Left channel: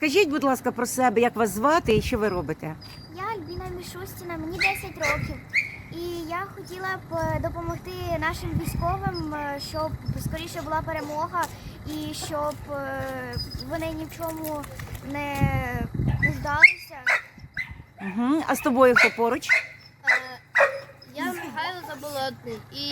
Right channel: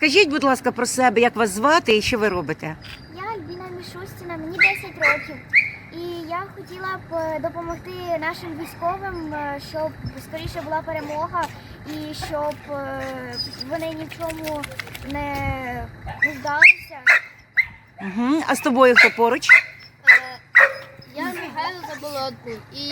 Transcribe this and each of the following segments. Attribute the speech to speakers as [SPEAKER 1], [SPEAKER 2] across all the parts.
[SPEAKER 1] Скажіть, будь ласка, про себе, як вас звати і що ви робите?
[SPEAKER 2] Я Альбіна Мішустіна, мені 10 років. І я хотіла б допомогти нашим військовим, щоб скоріше була перемога і щоб вони ні в чому не нуждалися.
[SPEAKER 1] Угу. А з тобою хто поруч?
[SPEAKER 3] Я Михайло Заболотний і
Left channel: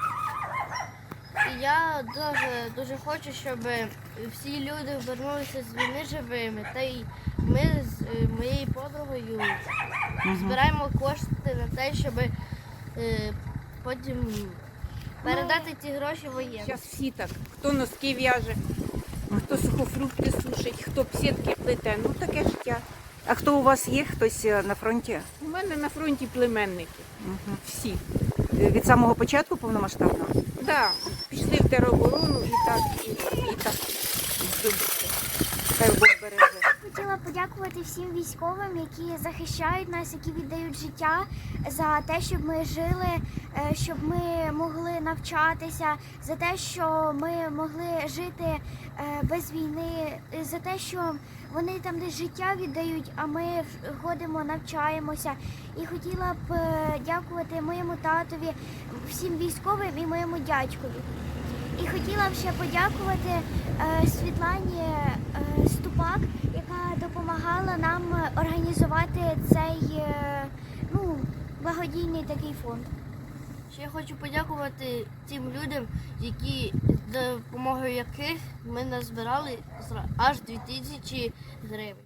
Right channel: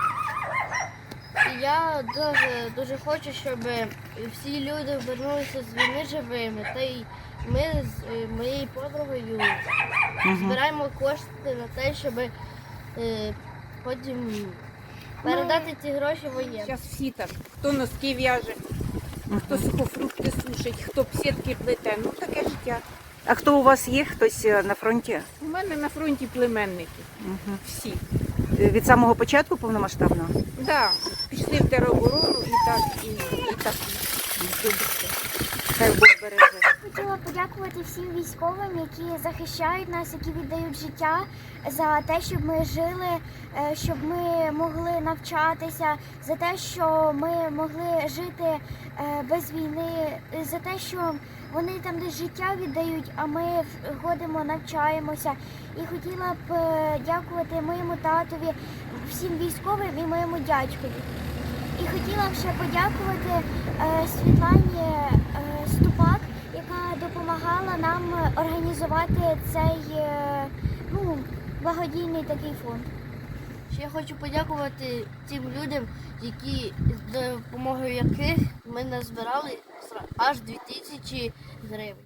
[SPEAKER 3] я дуже хочу, щоб всі люди повернулися з війни живими. Та й ми з моєю подругою збираємо кошти на те, щоб потім передати ці гроші воєнним.
[SPEAKER 4] Зараз всі так, хто носки в'яже, хто сухофрукти сушить, хто б сітки плете. Ну таке життя.
[SPEAKER 1] А хто у вас є? Хтось на фронті?
[SPEAKER 4] У мене на фронті племенники.
[SPEAKER 1] Угу.
[SPEAKER 4] Всі.
[SPEAKER 1] Від самого початку повномасштабного?
[SPEAKER 4] Да, пішли в тероборону і так.
[SPEAKER 1] Хай Бог береже.
[SPEAKER 2] Хотіла подякувати всім військовим, які захищають нас, які віддають життя за те, щоб ми жили, щоб ми могли навчатися, за те, що ми могли жити без війни, за те, що вони там десь життя віддають, а ми ходимо, навчаємося. І хотіла б дякувати моєму татові, всім військовим і моєму дядькові. І хотіла б ще подякувати Світлані Ступак, яка допомагала нам організувати цей благодійний такий фонд.
[SPEAKER 3] Ще я хочу подякувати тим людям, які з допомогою яких ми назбирали аж 2000 гривень.